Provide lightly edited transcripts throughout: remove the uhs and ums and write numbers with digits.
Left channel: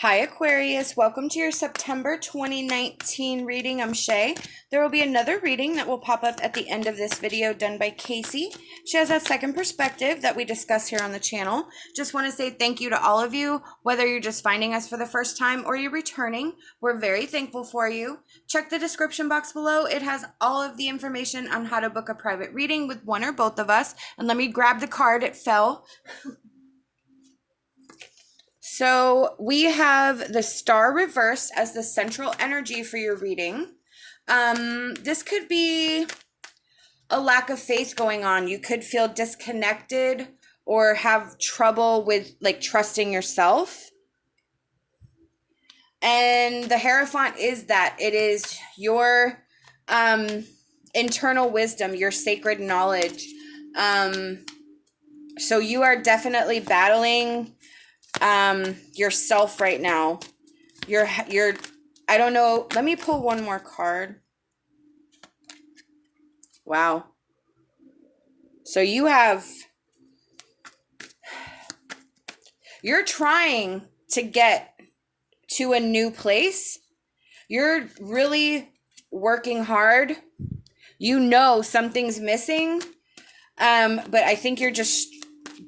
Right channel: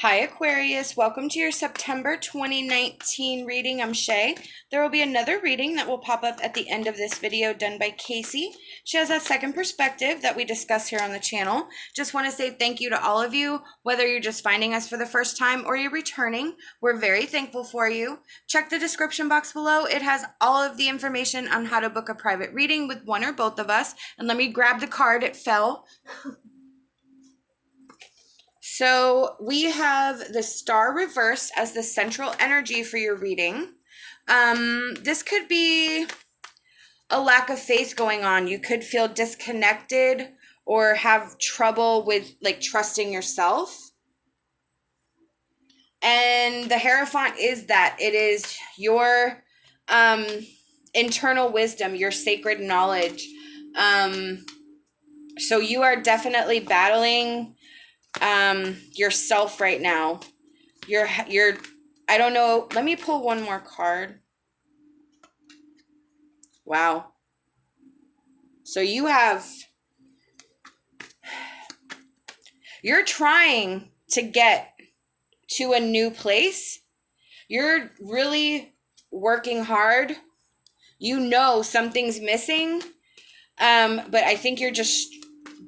Hi Aquarius, welcome to your September 2019 reading. I'm SHAE. There will be another reading that will pop up at the end of this video done by KACEE. She has a second perspective that we discuss here on the channel. Just want to say thank you to all of you, whether you're just finding us for the first time or you're returning. We're very thankful for you. Check the description box below. It has all of the information on how to book a private reading with one or both of us. And let me grab the card, it fell. So we have the star reversed as the central energy for your reading. This could be a lack of faith going on. You could feel disconnected or have trouble with trusting yourself. And the Hierophant is that it is your internal wisdom, your sacred knowledge. So you are definitely battling yourself right now. You're I don't know, let me pull one more card. Wow. So you're trying to get to a new place. You're really working hard. You know something's missing. But I think you're just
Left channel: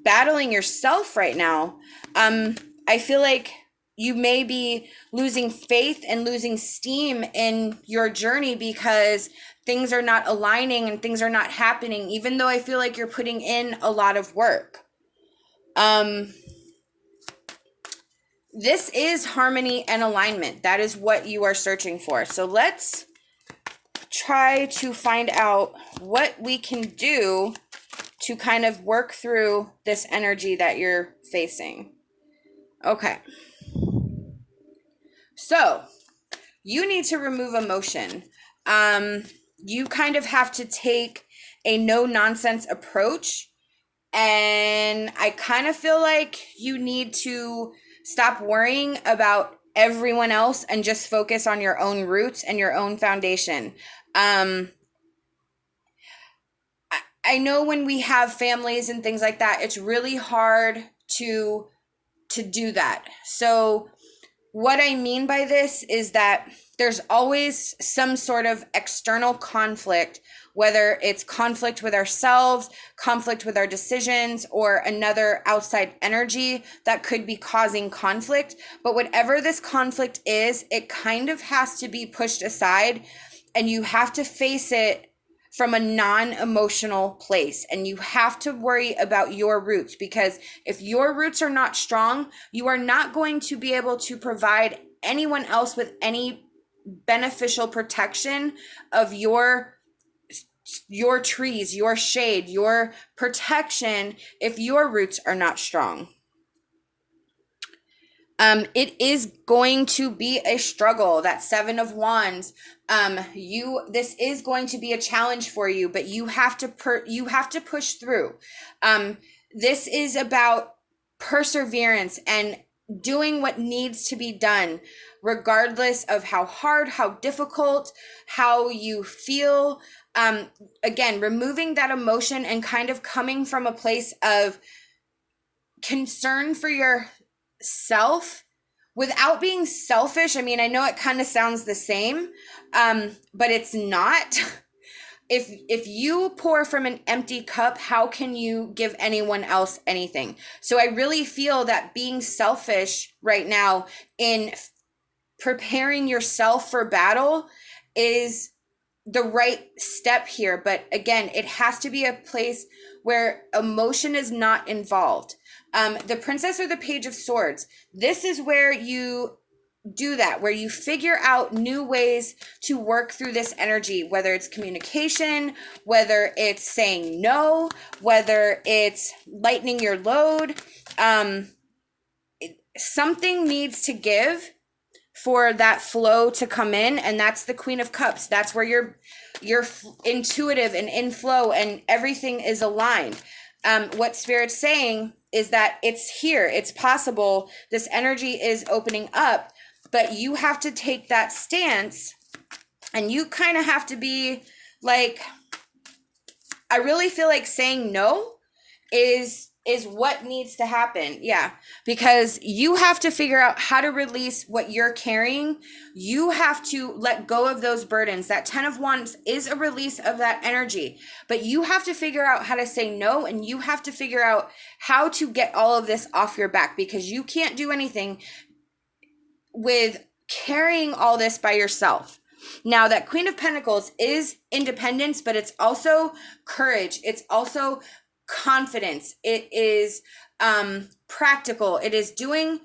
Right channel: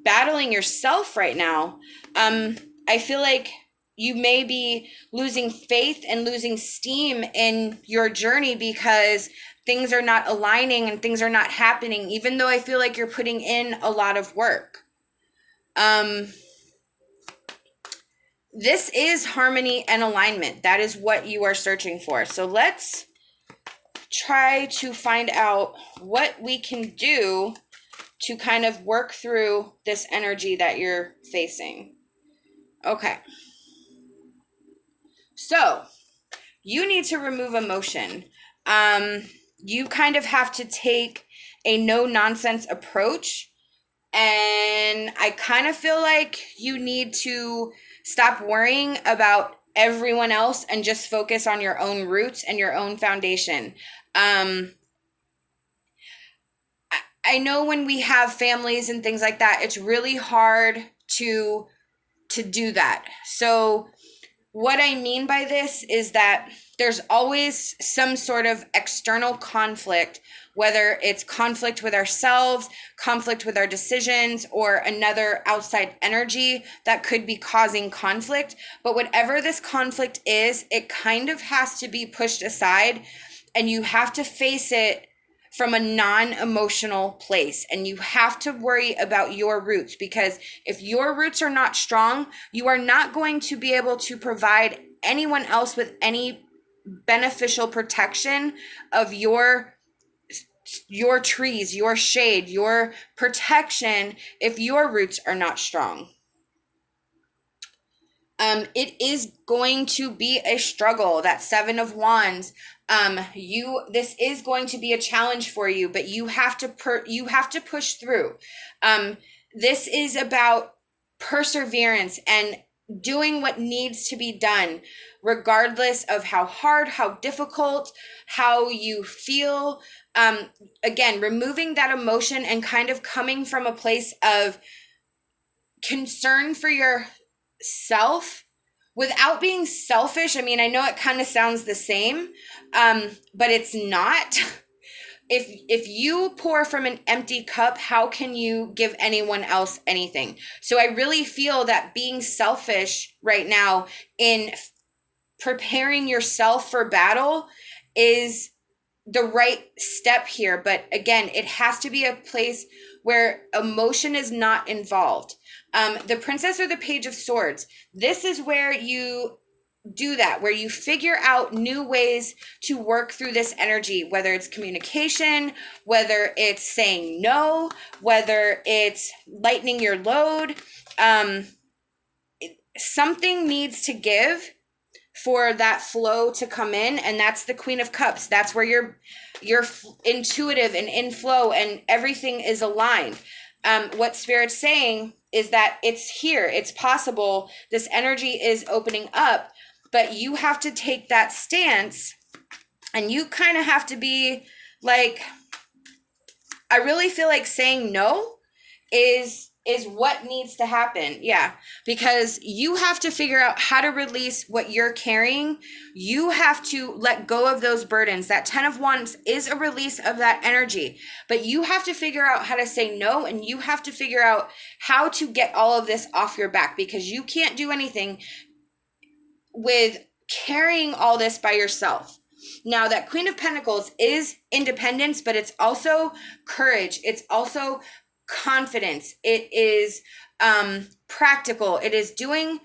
battling yourself right now. I feel like you may be losing faith and losing steam in your journey because things are not aligning and things are not happening, even though I feel like you're putting in a lot of work. This is harmony and alignment. That is what you are searching for. So let's try to find out what we can do to kind of work through this energy that you're facing. Okay. So you need to remove emotion. You kind of have to take a no-nonsense approach. And I kind of feel like you need to stop worrying about everyone else and just focus on your own roots and your own foundation. I know when we have families and things like that, it's really hard to do that. So what I mean by this is that there's always some sort of external conflict, whether it's conflict with ourselves, conflict with our decisions, or another outside energy that could be causing conflict. But whatever this conflict is, it kind of has to be pushed aside, and you have to face it from a non-emotional place, and you have to worry about your roots, because if your roots are not strong, you are not going to be able to provide anyone else with any beneficial protection of your trees, your shade, your protection if your roots are not strong. It is going to be a struggle. That Seven of Wands. This is going to be a challenge for you, but you have to push through. This is about perseverance and doing what needs to be done, regardless of how hard, how difficult, how you feel. Again, removing that emotion and kind of coming from a place of concern for yourself without being selfish. I mean, I know it kind of sounds the same, but it's not. If you pour from an empty cup, how can you give anyone else anything? So I really feel that being selfish right now in preparing yourself for battle is the right step here. But again, it has to be a place where emotion is not involved. The Princess or the Page of Swords. This is where you do that, where you figure out new ways to work through this energy, whether it's communication, whether it's saying no, whether it's lightening your load. Something needs to give for that flow to come in, and that's the Queen of Cups. That's where you're intuitive and in flow and everything is aligned. What Spirit's saying is that it's here, it's possible, this energy is opening up, but you have to take that stance, and you kind of have to be like, I really feel like saying no is is what needs to happen. Yeah, because you have to figure out how to release what you're carrying. You have to let go of those burdens. That 10 of Wands is a release of that energy, but you have to figure out how to say no, and you have to figure out how to get all of this off your back, because you can't do anything with carrying all this by yourself. Now, that Queen of Pentacles is independence, but it's also courage. It's also confidence. It is practical. It is doing,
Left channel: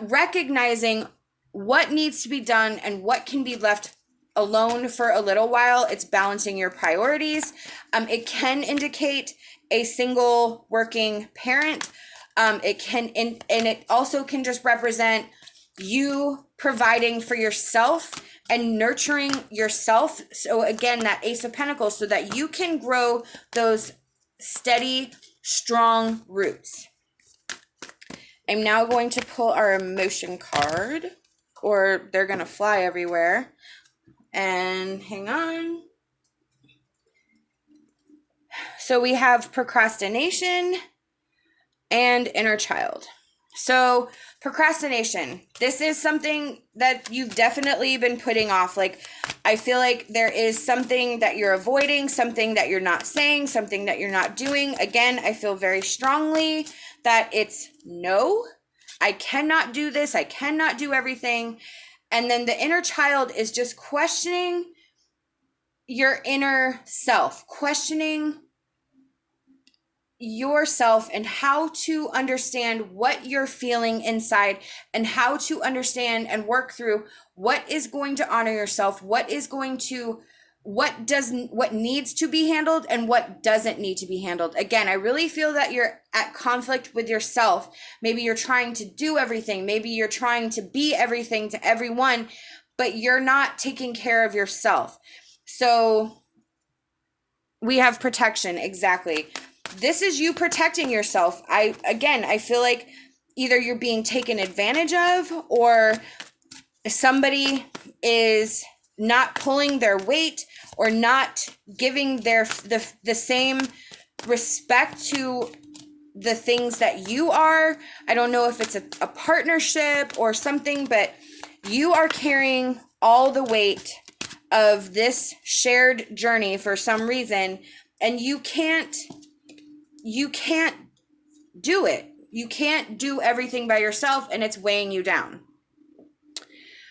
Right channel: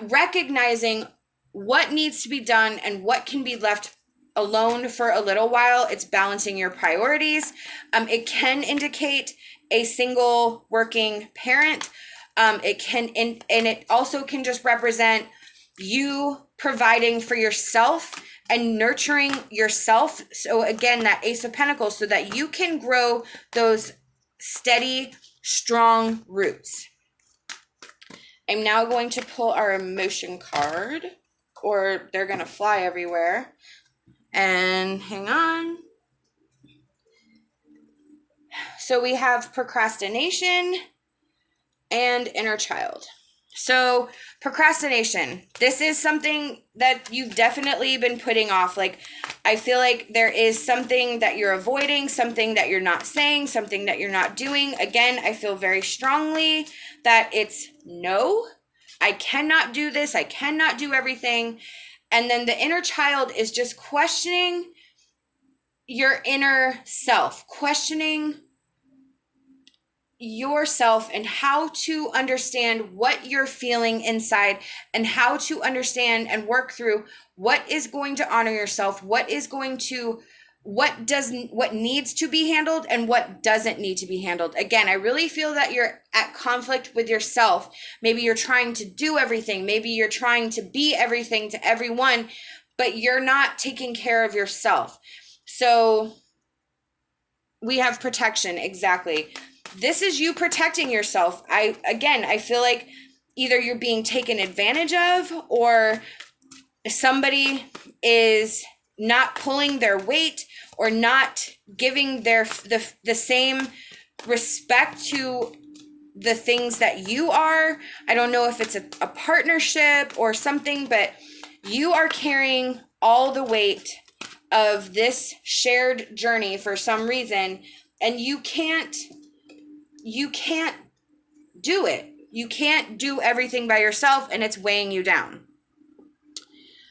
recognizing what needs to be done and what can be left alone for a little while. It's balancing your priorities. It can indicate a single working parent. It can, and it also can just represent you providing for yourself and nurturing yourself. So again, that Ace of Pentacles, so that you can grow those steady, strong roots. I'm now going to pull our emotion card, or they're going to fly everywhere. And hang on. So we have procrastination and inner child. So procrastination, this is something that you've definitely been putting off. Like, I feel like there is something that you're avoiding, something that you're not saying, something that you're not doing. Again, I feel very strongly that it's no, I cannot do this. I cannot do everything. And then the inner child is just questioning your inner self, questioning yourself and how to understand what you're feeling inside, and how to understand and work through what is going to honor yourself, what needs to be handled and what doesn't need to be handled. Again, I really feel that you're at conflict with yourself. Maybe you're trying to do everything. Maybe you're trying to be everything to everyone, but you're not taking care of yourself. So we have protection. Exactly. This is you protecting yourself. I feel like either you're being taken advantage of, or somebody is not pulling their weight, or not giving the same respect to the things that you are. I don't know if it's a partnership or something, but you are carrying all the weight of this shared journey for some reason, and you can't do it. You can't do everything by yourself, and it's weighing you down.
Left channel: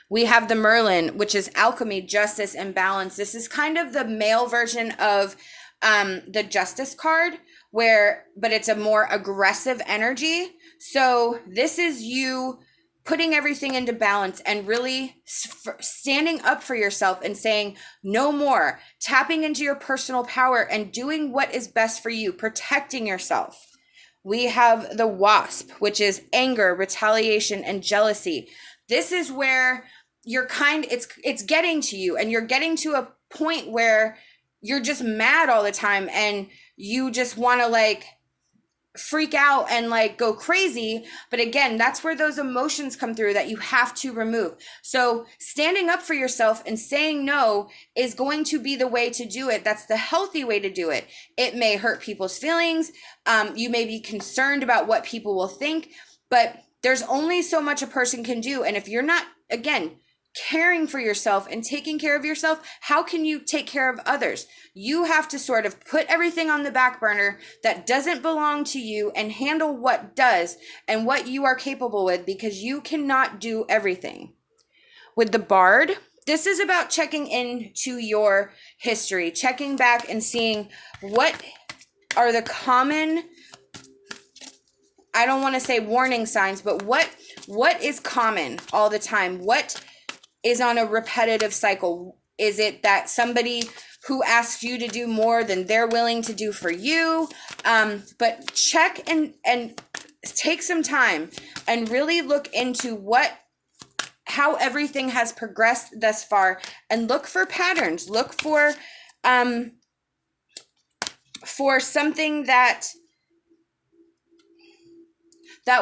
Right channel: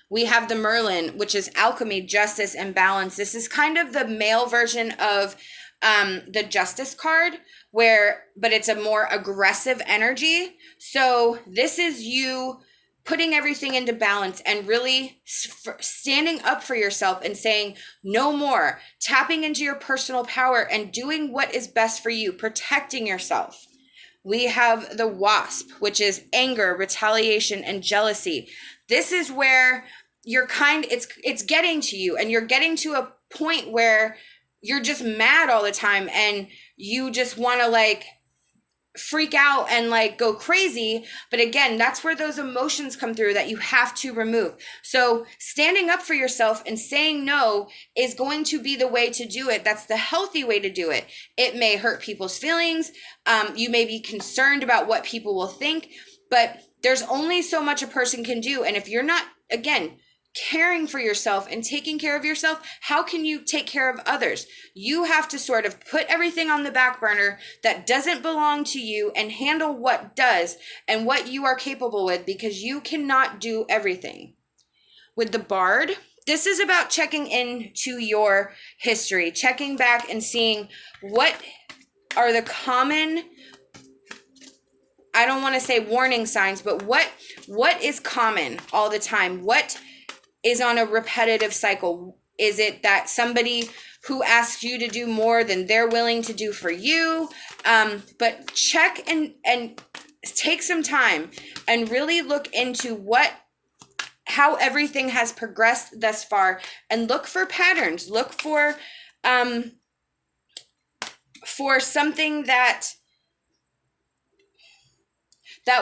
We have the Merlin, which is alchemy, justice, and balance. This is kind of the male version of the Justice card, but it's a more aggressive energy. So this is you putting everything into balance and really standing up for yourself and saying no more, tapping into your personal power and doing what is best for you, protecting yourself. We have the Wasp, which is anger, retaliation, and jealousy. This is where it's getting to you, and you're getting to a point where you're just mad all the time, and you just want to freak out and go crazy. But again, that's where those emotions come through that you have to remove. So standing up for yourself and saying no is going to be the way to do it. That's the healthy way to do it. It may hurt people's feelings. You may be concerned about what people will think, but there's only so much a person can do. And if you're not, again, caring for yourself and taking care of yourself, how can you take care of others? You have to sort of put everything on the back burner that doesn't belong to you and handle what does and what you are capable with, because you cannot do everything. With the Bard, this is about checking into your history, checking back and seeing what are the common, I don't want to say warning signs, but what is common all the time? What is on a repetitive cycle? Is it that somebody who asks you to do more than they're willing to do for you? But check and take some time and really look into how everything has progressed thus far, and look for patterns. Look for something that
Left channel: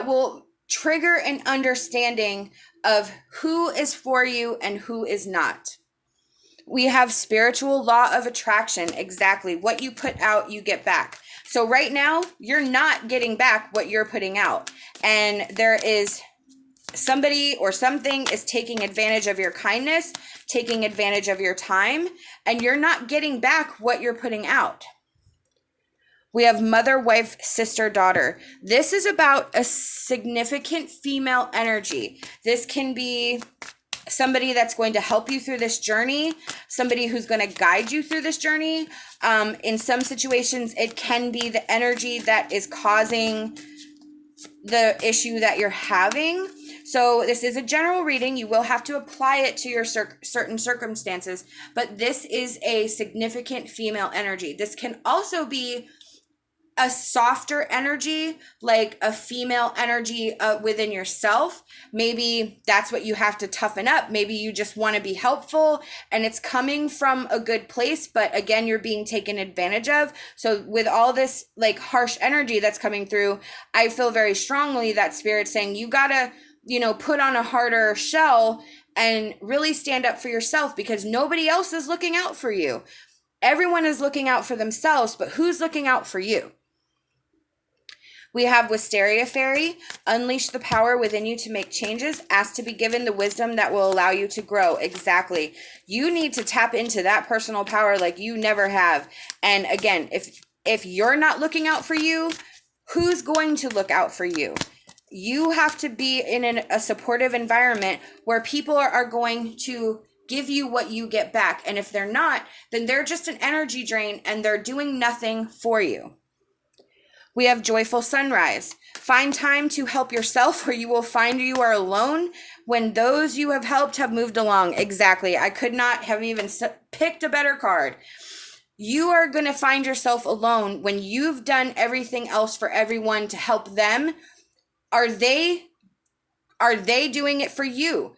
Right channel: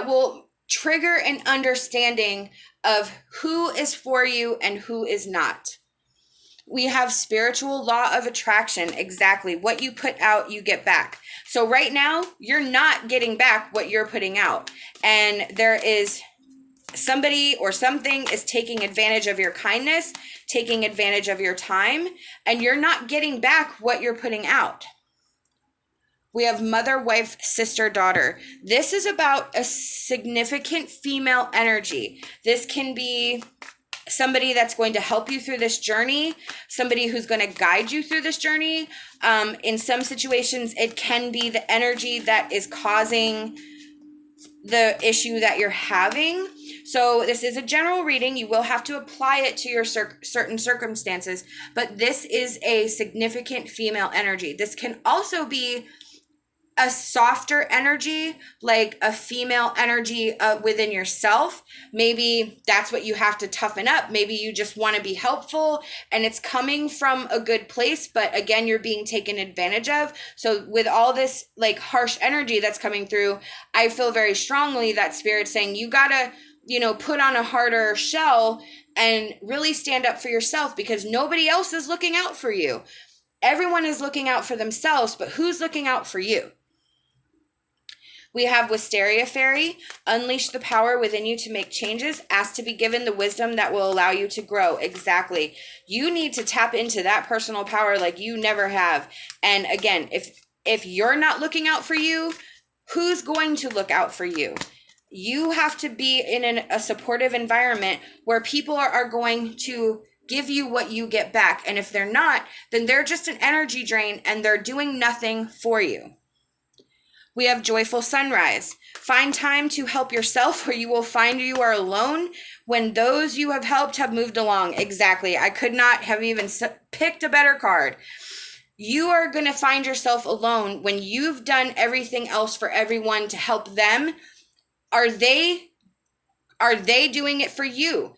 will trigger an understanding of who is for you and who is not. We have spiritual law of attraction. Exactly. What you put out, you get back. So right now, you're not getting back what you're putting out. And there is somebody or something is taking advantage of your kindness, taking advantage of your time, and you're not getting back what you're putting out. We have mother, wife, sister, daughter. This is about a significant female energy. This can be somebody that's going to help you through this journey, somebody who's going to guide you through this journey. In some situations, it can be the energy that is causing the issue that you're having. So this is a general reading. You will have to apply it to your certain circumstances, but this is a significant female energy. This can also be a softer energy, like a female energy within yourself. Maybe that's what you have to toughen up. Maybe you just want to be helpful and it's coming from a good place, but again, you're being taken advantage of. So with all this like harsh energy that's coming through, I feel very strongly that Spirit's saying you gotta, put on a harder shell and really stand up for yourself, because nobody else is looking out for you. Everyone is looking out for themselves, but who's looking out for you? We have Wisteria Fairy. Unleash the power within you to make changes. Ask to be given the wisdom that will allow you to grow. Exactly. You need to tap into that personal power like you never have. And again, if you're not looking out for you, who's going to look out for you? You have to be in a supportive environment where people are going to give you what you get back. And if they're not, then they're just an energy drain and they're doing nothing for you. We have Joyful Sunrise. Find time to help yourself, or you will find you are alone when those you have helped have moved along. Exactly. I could not have even picked a better card. You are going to find yourself alone when you've done everything else for everyone to help them. Are they doing it for you?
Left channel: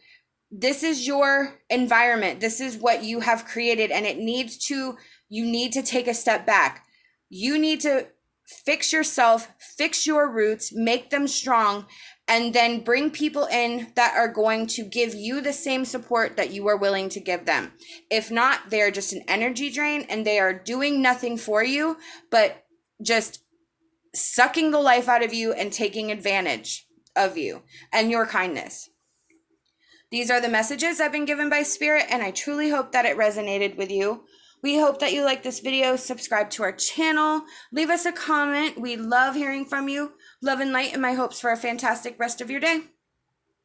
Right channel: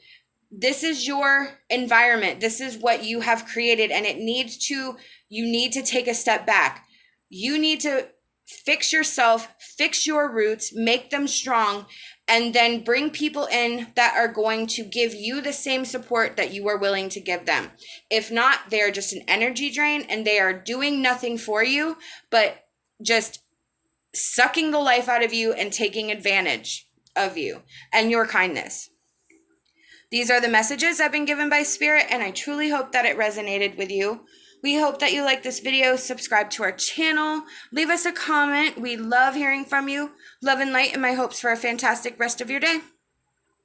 This is your environment. This is what you have created, and you need to take a step back. You need to fix yourself, fix your roots, make them strong, and then bring people in that are going to give you the same support that you are willing to give them. If not, they are just an energy drain and they are doing nothing for you, but just sucking the life out of you and taking advantage of you and your kindness. These are the messages I've been given by Spirit, and I truly hope that it resonated with you. We hope that you like this video. Subscribe to our channel. Leave us a comment. We love hearing from you. Love and light, and my hopes for a fantastic rest of your day.